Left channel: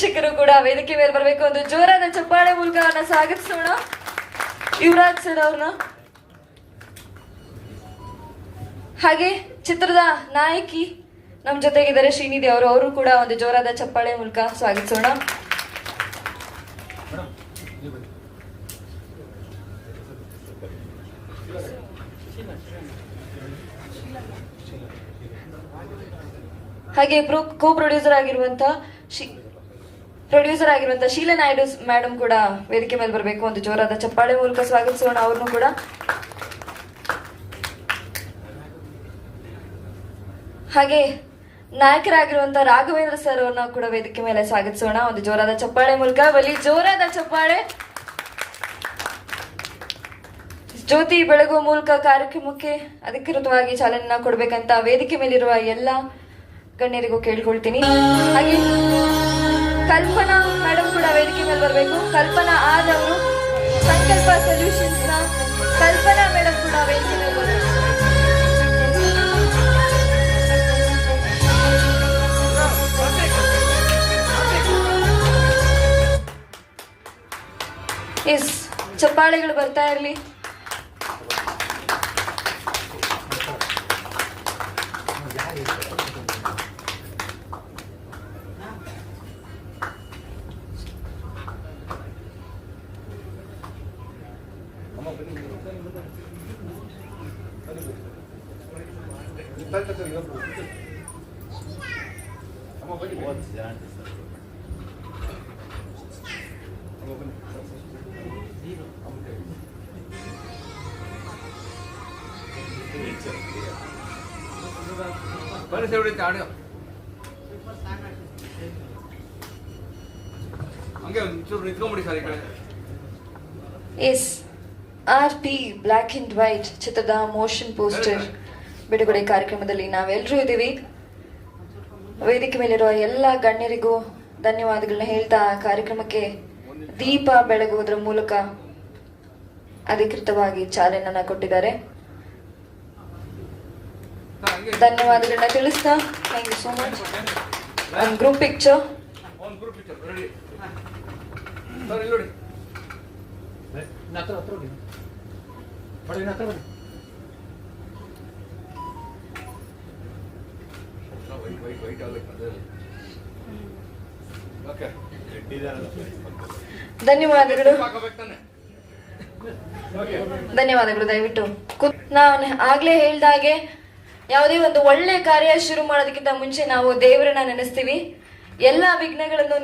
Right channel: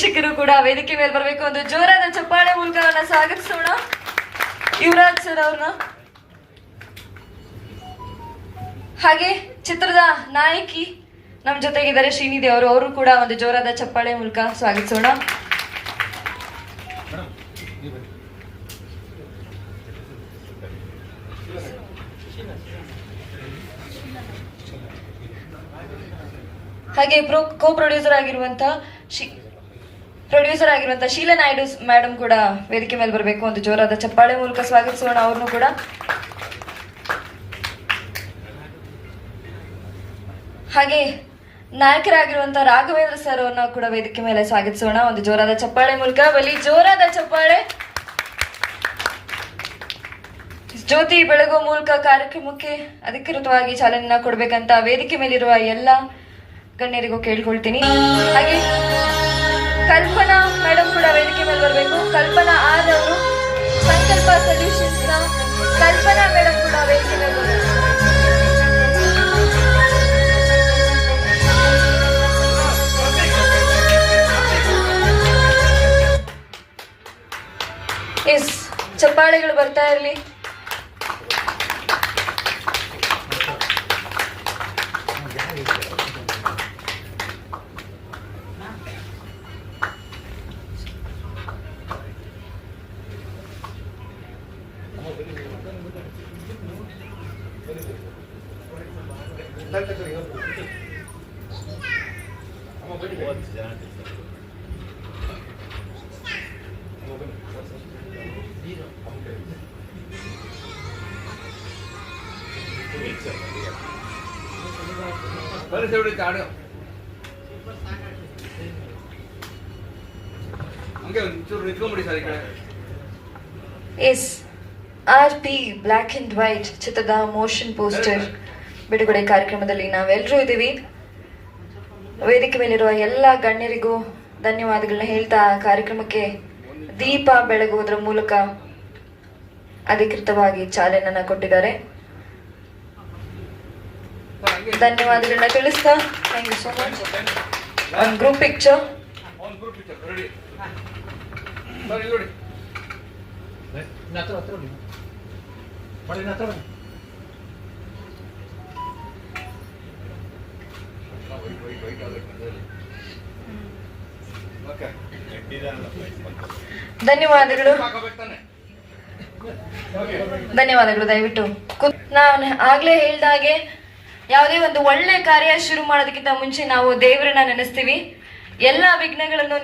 ಶಿಕ್ಷಕರು ಕೂಡ ವೇದಿಕೆ ಮೇಲೆ ಬರಬೇಕು. ಒಂದು ಜೋರಾದ ಚಪ್ಪಾಳೆ ಮೂಲಕ ಅವನ್ನ ಸ್ವಾಗತಿಸೋಣ. ಯುವರಾಜ್ ಸರ್ ಅವ್ರನ್ನ, ಹಾಗೆ ಚಿತ್ರದ ನಾಯಕಿ ನಮ್ಮ ಜೊತೆಗಿದ್ದಾರೆ ಶ್ರೀನಿಧಿ ಅವರು ಕೂಡ ಒಂದು ಜೋರಾದ ಚಪ್ಪಾಳೆ ಮೂಲಕ ಸ್ವಾಗತಿಸೋಣ. ಹಾಗೆ ಕೋ ಪ್ರೊಡ್ಯೂಸರ್ ಆಗಿರುವಂತ ಶೀಲಾ ನಾಯ್ಡು ಮೇಡಮ್ ಕೂಡ ವೇದಿಕೆ ಮೇಲೆ ಬರಬೇಕು. ಒಂದು ಜೋರಾದ ಚಪ್ಪಾಳೆ ಮೂಲಕ ಸ್ವಾಗತಿಸೋಣ ಅವ್ರನ್ನು ಕೂಡ. ಹಾಗೆ ನಾಯಕರಾಗಿರುವಂತ ರಾಘವೇಂದ್ರ ಸರ್ ಅವ್ರನ್ನ ಕೂಡ ವೇದಿಕೆ ಮೇಲೆ ಸ್ವಾಗತಿಸೋಣ. ಒಂದು ಜೋರಾದ ಚಪ್ಪಾಳೆ ಮೂಲಕ. ಬಲಿ ಜೋರಾದ ಚಪ್ಪಾಳೆ. ಜ್ಯೋತಿ ಬೆಳಗುವ ಮೂಲಕ ಕಾರ್ಯಕ್ರಮಕ್ಕೆ ಅಧಿಕೃತವಾಗಿ ಚಾಲನೆ ಕೊಡ್ಬೇಕಂತ ವೇದಿಕೆ ಮೇಲಿರುವ ಎಲ್ಲ ಗಣ್ಯರಿಗೂ ಕೇಳ್ಕೊಳ್ತೀನಿ. ಹಾಗೆ ಕಲ್ಪನಾ ಮೇಡಮ್ ಕೂಡ ವೇದಿಕೆ ಮೇಲೆ ಬರಬೇಕು. ಕಲ್ಪನಾ ಆರ್ ಅವರು, ಸಂಕಲ್ಪ ಸೊಲ್ಯೂಷನ್ಸ್ ನ ಕಲ್ಪನಾ ಮೇಡಮ್ ಕೂಡ ವೇದಿಕೆ ಮೇಲೆ ಬರಬೇಕು. ಎಸ್, ಚಪ್ಪಾಳೆಗಳು ಬರ್ತಾ ಇರಲಿ. Yes, RP black and white ಚಿತ್ರದ ಮೋಷನ್ ಪೋಸ್ಟರ್ ಬಿಡುಗಡೆ ಕಾರ್ಯಕ್ರಮದಲ್ಲಿ ನಾವೆಲ್ಲರೂ ಇದ್ದೀವಿ. ವೇದಿಕೆ ಮೇಲಿರುವ ಎಲ್ಲ ಗಣ್ಯರಿಗೂ ಧನ್ಯವಾದಗಳನ್ನ ಹೇಳ್ತಾ ಕಾರ್ಯಕ್ರಮಕ್ಕೆ ದೀಪ ಬೆಳಗುವುದರ ಮೂಲಕ ಅಧಿಕೃತವಾಗಿ ಚಾಲನೆಯನ್ನ ಕೊಟ್ಟಿದ್ದಾರೆ. ಧನ್ಯವಾದಗಳನ್ನ ತಿಳಿಸ್ತಾ ಥ್ಯಾಂಕ್ ಯು ಸೋ ಮಚ್. ಒಂದು ಗ್ರೂಪ್ ಪಿಕ್ಚರ್. ಧನ್ಯವಾದಗಳು. ದಯವಿಟ್ಟು ನಾನು ಆಗ್ಲೇ ಹೇಳ್ದಾಗೆ ಯಾವುದೇ ಒಂದು ಒಳ್ಳೆ ಕಾರ್ಯ ಶುರು ಮಾಡೋದಕ್ಕಿಂತ ಮುಂಚೆ ನಾವು ದೇವರನ್ನ ನೆನೆಸ್ತೀವಿ. ಎಲ್ಲಾ ವಿಘ್ನಗಳನ್ನು